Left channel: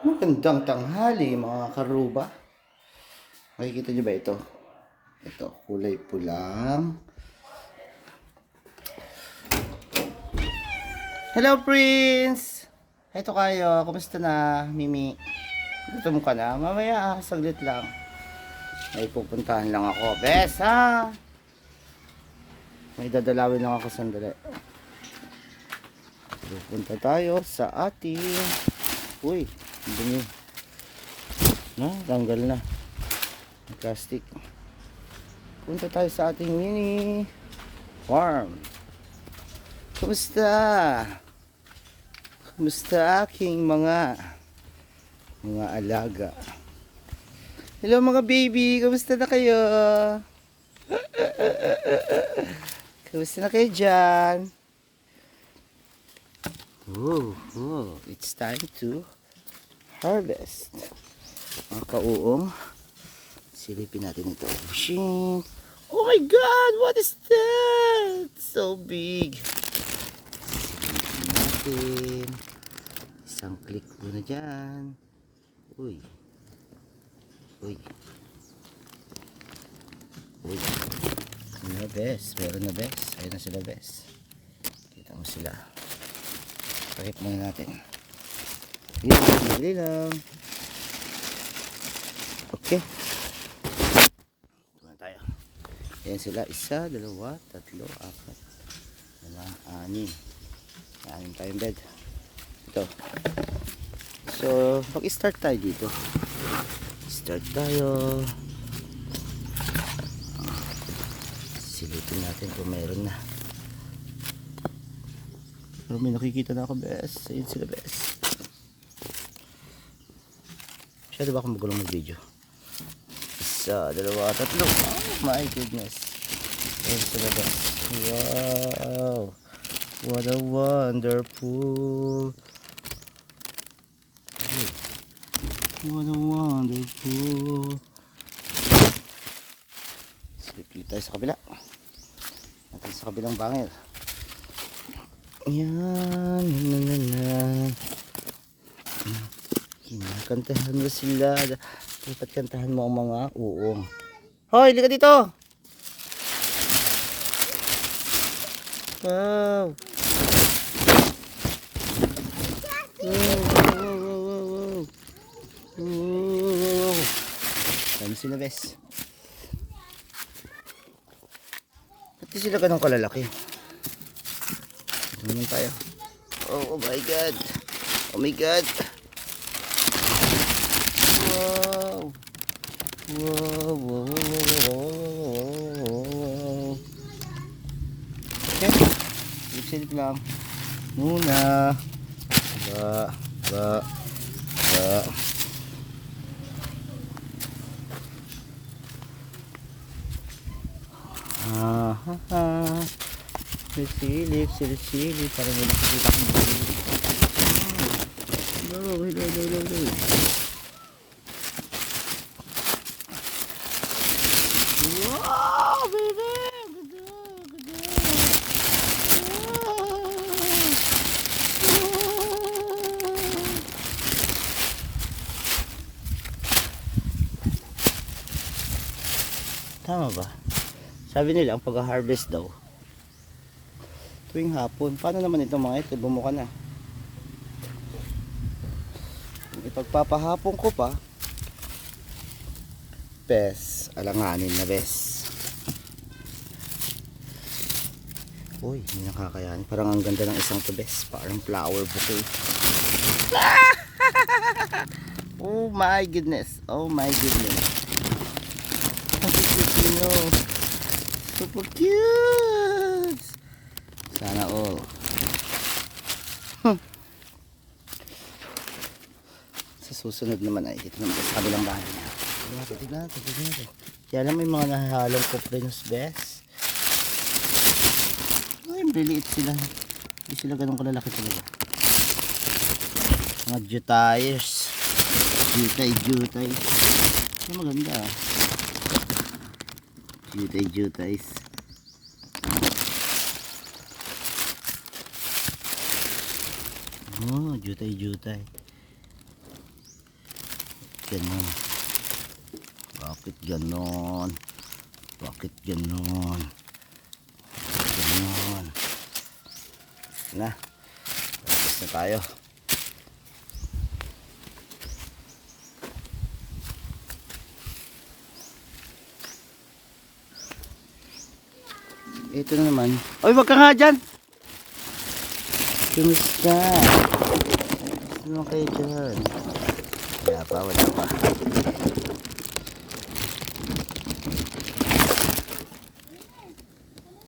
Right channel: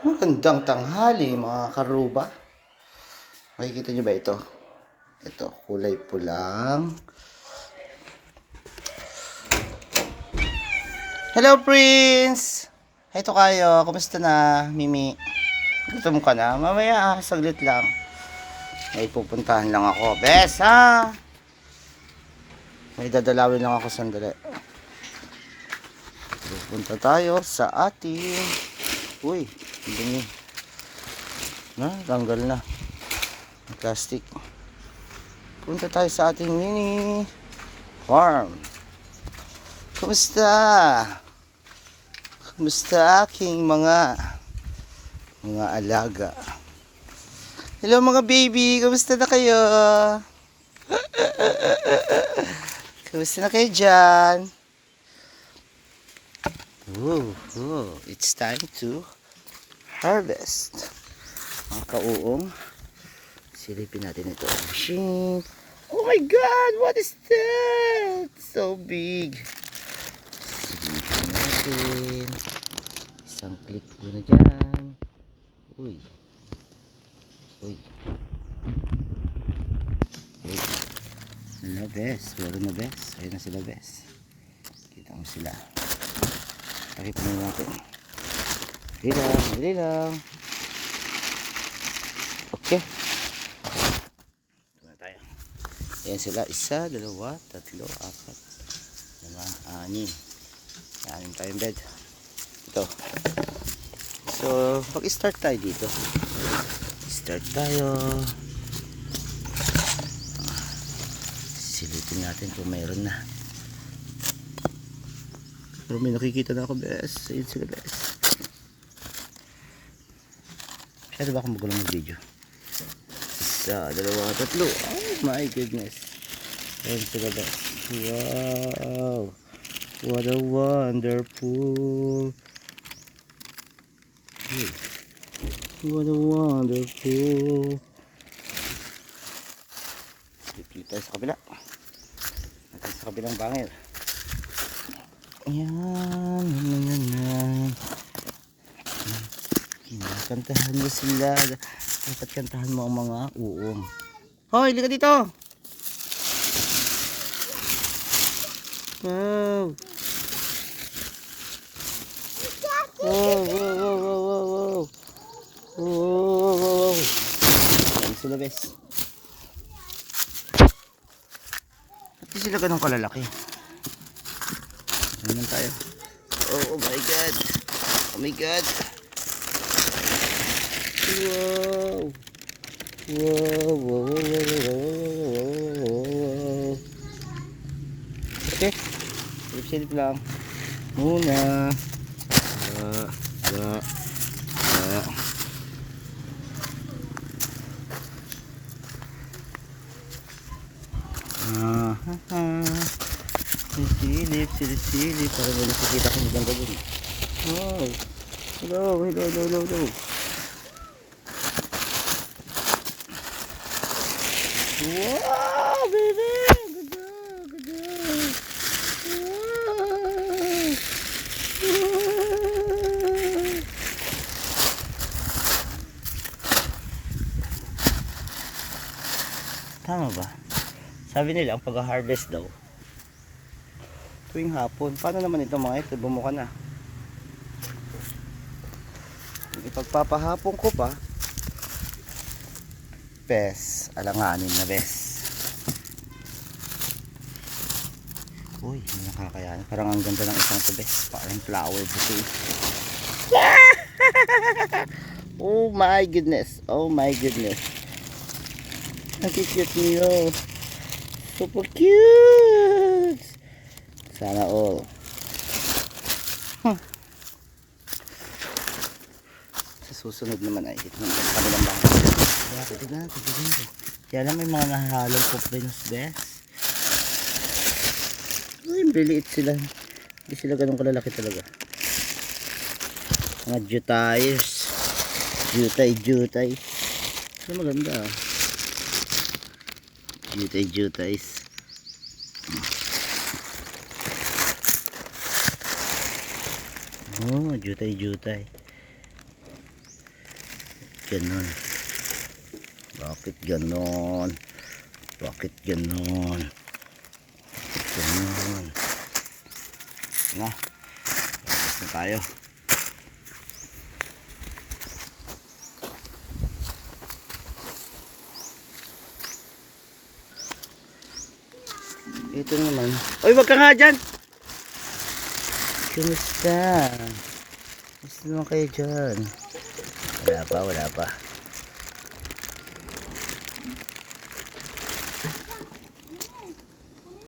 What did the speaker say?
Magandang tanghali mga karuba. Makikita nyo ba ito? Ito, kulay pulang. Hello, Prince! Ito kayo, kumusta na, Mimi? Gutom ka na? Mamaya, saglit lang. May pupuntahan lang ako. Bes, ha? May dadalawin lang ako sandali. Pupunta tayo sa ating... Uy, dumi. Tanggal na. Plastic. Punta tayo sa ating mini farm. Kumusta? Kumusta aking mga alaga? Hello mga baby, kumusta na kayo? Kumusta na kayo dyan? It's time to harvest. Mga kauong, silipin natin ito. Machine. Oh my God, what is that? So big. Silipin natin. Isang click muna dyan. Uy. Uy. Uy. Ano bes? Meron na bes? Ayun na sila bes. Kita mo sila. Pakita mo natin. Dili lang. Okay. Tuma tayo. Ayan sila. 1, 2, 3, 4, 5, 6. Anim tayong bed. Ito. So, mag-start tayo dito. Start tayo. Silipin natin kung mayroon na. Pero may nakikita na ako, bes. Ayun sila, bes. Masyado ba akong magulong mag-video? 1, 2, 3. Oh my goodness. Ayun sila, bes. Wow. What a wonderful. What a wonderful. Slip tayo sa kabila. Natin sa kabilang bangil. Yan. Kinakantahan mo sila. Dapat kantahan mo ang mga uong. Hoy, lika dito. Wow. Wow. Yan sila, bes. Ba't sila ganun kalalaki? Ganyan tayo. Oh my God. Oh my God. Wow. Okay. Silip lang. Muna. Silip. Para may nakikita kong bagay. Wow. Hello. Wow, baby! Good job. Wow. Tama ba? Sabi nila ang pag-harvest daw tuwing hapon. Paano naman ito mga ito? Bumuka na. Ipagpapahapon ko pa. Bes, alanganin na bes. Uy, hindi nakakayan. Parang ang ganda ng isang to bes. Parang flower bouquet. Oh my goodness. Ang cute nyo. Super cute. Sana all. Sa susunod naman ay ito naman sa kabilang bahay. Tignan. Kaya lang may mga nahahalong coprinos, bes. Ay, liliit sila. Hindi sila ganun kalalaki talaga. Mga jutayers. Jutay. Ito maganda. Jutay. Oh, jutay. ganon? Bakit ganon? Bakit ganon? Bakit ganon? Na, tapos na tayo. Ito naman. Oy, wag ka nga dyan! Kumusta? Gusto naman kayo dyan? Wala pa, wala pa.